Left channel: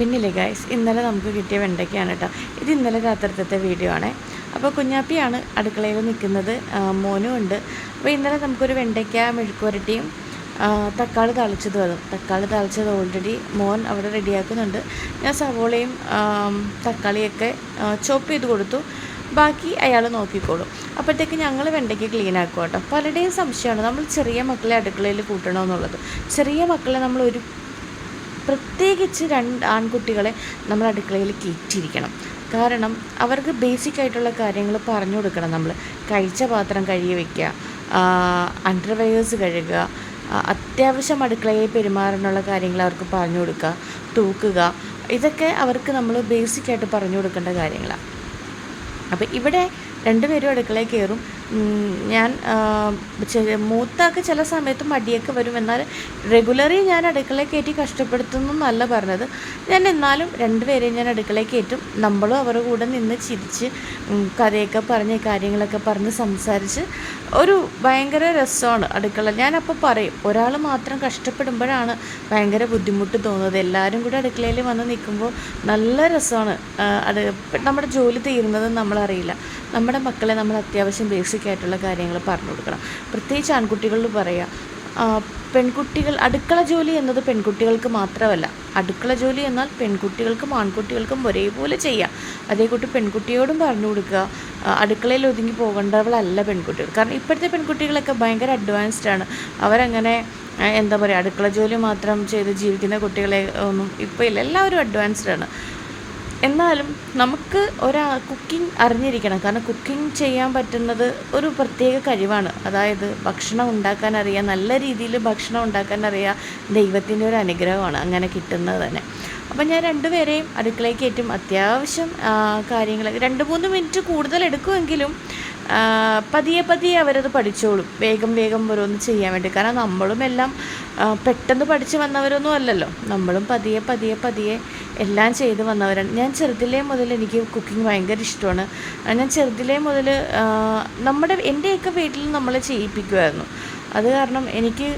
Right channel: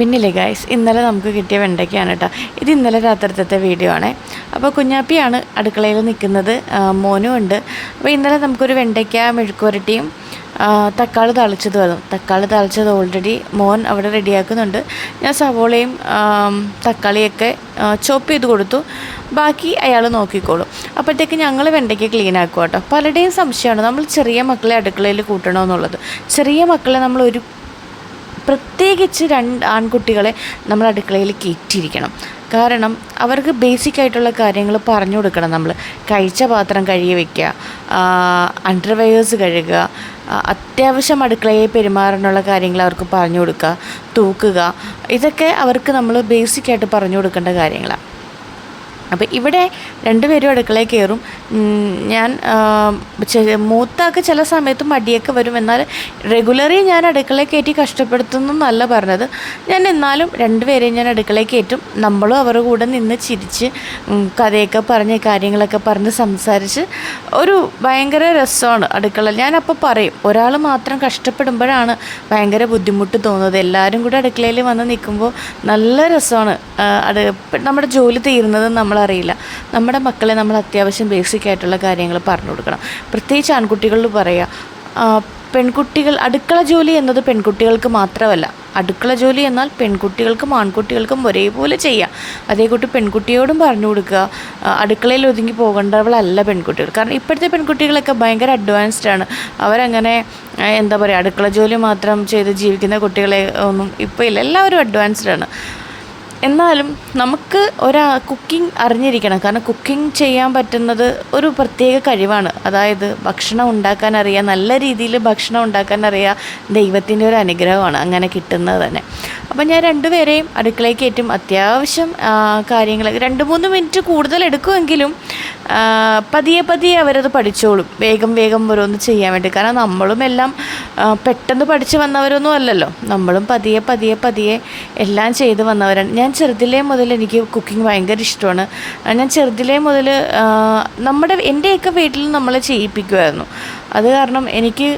പിന്നില്ലേ guys, ഇന്നലെ നമുക്ക് കിട്ടിയ വെണ്ടയ്ക്കാണ് കേട്ടോ. ഇത് ഇന്നലെ രാത്രിത്തെ വീഡിയോ ആണ്. അപ്പോൾ കുഞ്ഞാപ്പിയാണ് അടുക്കളയിൽ നിൽക്കുന്നത്, മോനും ഉണ്ട്. അപ്പോൾ ഇന്നലെ നമുക്കൊരു വെണ്ടയ്ക്ക മെഴുക്കുവരട്ടിയും തക്കാളി താളിച്ചത് വരും. തക്കാളി താളിച്ചത് ഓൾറെഡി മോൻ അവിടെ റെഡിയാക്കുന്നുണ്ട്. ഞാൻ സവോളയും തക്കാളിയൊക്കെ ചോപ്പ് ചെയ്ത് കൊടുത്തു. ബാക്കി അയാൾ നോക്കിക്കോളും. അപ്പോഴത്തേക്ക് ഞങ്ങൾ വെണ്ടയ്ക്ക് ക്ലീൻ ആക്കുക കേട്ടോ. പലരുടെയും സംശയമാണ് നമ്മൾ ചെറിയ മക്കളെ അടുക്കളയിൽ കൂട്ടണമെന്നുള്ളത്. ചെറിയ മക്കളെ നമ്മൾ പ്രത്യേകിച്ച് 2 ആൺകുട്ടികളെ നമ്മൾ അടുക്കളയിൽ കയറ്റിയിരിക്കണം. കാരണം അവർക്ക് ബേസിക്കായിട്ടുള്ള കാര്യങ്ങൾ പറഞ്ഞു കൊടുക്കണം. നമ്മൾ കഴിച്ച പാത്രം കഴുകി വയ്ക്കുക, അണ്ടർവെയേഴ്സ് കഴുകുക, അത്യാവശ്യം അടുക്കളയിൽ പെരുമാറാനുള്ള കാര്യങ്ങൾ അവർക്ക് പറഞ്ഞു കൊടുക്കുക, തൂക്കുക, ഇതൊക്കെ അവർക്ക് നമ്മൾ ബേസിക്കായിട്ട് പറഞ്ഞു കൊടുക്കേണ്ട കാര്യങ്ങളാണ്. അപ്പോൾ ഇവിടെ 2 പേരും അടുക്കളയിൽ കയറും. ഞാൻ മൂത്താക്ക് ചില സമയത്ത് മടിയൊക്കെ വരും. എന്നാൽ റെഗുലറി ഞാൻ അടുക്കളയിൽ കയറ്റി കഷ്ടപ്പെടുത്തുന്നല്ല പറഞ്ഞത്. ഞാൻ എന്നാലും 2 പേരെയും ഞാൻ അടുക്കളയിൽ കയറ്റും. നമ്മളും അവരുടെ കൂടെ നിന്ന് ചിരിച്ച് കഥയൊക്കെ പറഞ്ഞ് കാര്യങ്ങളൊക്കെ പറഞ്ഞ് സംസാരിച്ച് ഒരു ഭയങ്കര രസമാണ് അടുക്കള. ഞാനപ്പോൾ പറയും, ഒരാൾ മാത്രം കഷ്ടപ്പെടുമ്പോഴാണ് ഭയങ്കര ബുദ്ധിമുട്ട് തോന്നുന്നത്. എല്ലാവരും കൂടെ അടുക്കളയിൽ വന്ന് നിൽക്കുമ്പോൾ നല്ല രസമാണ്. നമ്മുടെ ജോലി തീരുന്നത് നമ്മളറിയില്ല. നമ്മുടെ മക്കളെ നമ്മൾ അത്യാവശ്യം ബേസിക്കായിട്ടുള്ള കാര്യങ്ങൾ പറഞ്ഞു കൊടുക്കണം. പ്രത്യേകിച്ച് ആൺകുട്ടികളിൽ പറയുക, പെൺകുട്ടികൾ അടുക്കള ജോലി എന്നത് പെൺകുട്ടികൾക്ക് മാത്രമല്ല. അടുക്കള ജോലി എന്നാൽ പെൺകുട്ടികൾക്കും ആൺകുട്ടികൾക്കും ഒരേപോലെ ചെയ്യാം. അതേകൂട്ടി പെൺകുട്ടിയോടും പറഞ്ഞു കൊടുക്കുക. അടുക്കളയിൽ ഒതുങ്ങി പോകേണ്ടവളല്ല പെൺകുട്ടികൾ. കാരണം ഇപ്പോഴത്തെ പെൺകുട്ടികളൊക്കെ ഭയങ്കര അഡ്വാൻസ്ഡാണ്. അവരങ്ങനെ എന്താ പറയുക, അടുക്കള ജോലി മാത്രം ചെയ്ത് ജീവിക്കുന്ന കുട്ടികളെ ഒന്നും ഇപ്പോൾ ഇല്ല. എല്ലാവരും അഡ്വാൻസ്ഡാണ്. എന്നാലും നമുക്ക് കുക്കിംഗ് അറിഞ്ഞിരിക്കണം. കാരണം കുക്കിംഗ് ചെയ്യാൻ പറ്റുന്നത് ഒരു പ്രത്യേക കഴിവാണ്. അതായത് ഭക്ഷണം ഉണ്ടാക്കാൻ അറിയാം, നല്ല രീതിയിൽ ഭക്ഷണം ഉണ്ടാക്കാൻ അറിയാം, ദൈവത്തിൻ്റെ ഒരു അനുഗ്രഹമാണ് അങ്ങനെ കിട്ടുന്നത് തന്നെ. അപ്പം ഞാൻ 2 പേരെയും അടുക്കളയിൽ കയറ്റും. അത്യാവശ്യം കാര്യങ്ങൾ 2-3 മിനിറ്റ് കൂടുതൽ എടുക്കുമെങ്കിലും പതിയെ അവരത് പഠിച്ചോളും. വേഗം ഓരോന്ന് ചെയ്യാൻ വേണ്ടി. കാരണം നമ്മളും എല്ലാം പെട്ടെന്ന് പഠിച്ച് വന്നവരൊന്നും അല്ലല്ലോ. നമ്മളും പതിയെ എല്ലാം ചെയ്ത് വന്നവരാണ്. ഞാൻ ചെറുതിലേ മുതൽ എനിക്ക് കുക്കിംഗ് ഭയങ്കര ഇഷ്ടമാണ്. ഞാൻ ചെറുതിലേ മുതൽ എൻ്റെയൊക്കെ വീട്ടിൽ നമ്മളെ ചെയ്യിപ്പിക്കുമായിരുന്നു. അത് കാരണം എനിക്ക്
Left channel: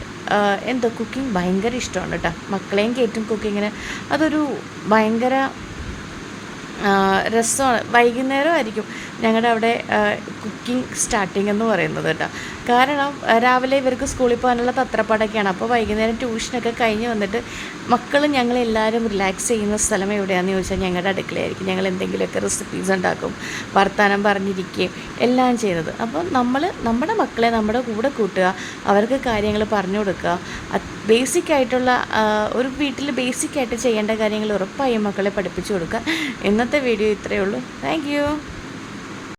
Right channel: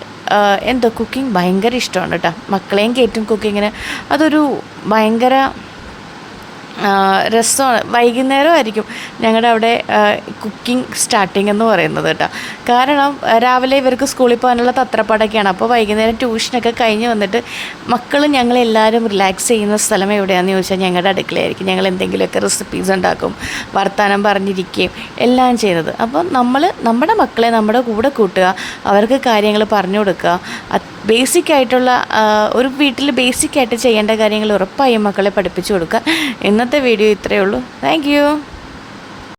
കുക്കിംഗ് ഭയങ്കര ഇഷ്ടമാണ് കേട്ടോ. മക്കളെയും കയറ്റും കുക്കിങ്ങിന്. അതൊരു ഭയങ്കര രസമാണ്. വൈകുന്നേരമായിരിക്കും ഞങ്ങളുടെ അവിടെ കുക്കിംഗ് സ്റ്റാർട്ടിങ് എന്ന് പറയുന്നത് കേട്ടോ. കാരണം രാവിലെ ഇവർക്ക് സ്കൂളിൽ പോകാനുള്ള തത്രപ്പാടൊക്കെയാണ്. അപ്പോൾ വൈകുന്നേരം ട്യൂഷനൊക്കെ കഴിഞ്ഞ് വന്നിട്ട് ഞങ്ങളെല്ലാവരും റിലാക്സ് ചെയ്യുന്ന സ്ഥലം എവിടെയാണെന്ന് ചോദിച്ചാൽ ഞങ്ങളുടെ അടുക്കളയായിരിക്കും. ഞങ്ങൾ എന്തെങ്കിലുമൊക്കെ റെസിപ്പീസ് ഉണ്ടാക്കും, വർത്തമാനം പറഞ്ഞിരിക്കുകയും എല്ലാം ചെയ്യുന്നത്. അപ്പോൾ നമ്മുടെ മക്കളെ നമ്മുടെ കൂടെ കൂട്ടുക, അവർക്ക് കാര്യങ്ങൾ പറഞ്ഞു കൊടുക്കുക. ബേസിക്കായിട്ടുള്ള ഒരു വീട്ടിൽ ബേസിക്കായിട്ട് ചെയ്യേണ്ട കാര്യങ്ങൾ ഉറപ്പായും മക്കളെ പഠിപ്പിച്ചു കൊടുക്കുക. ഇന്നത്തെ വീഡിയോ ഇത്രയേ ഉള്ളൂ. Thank you.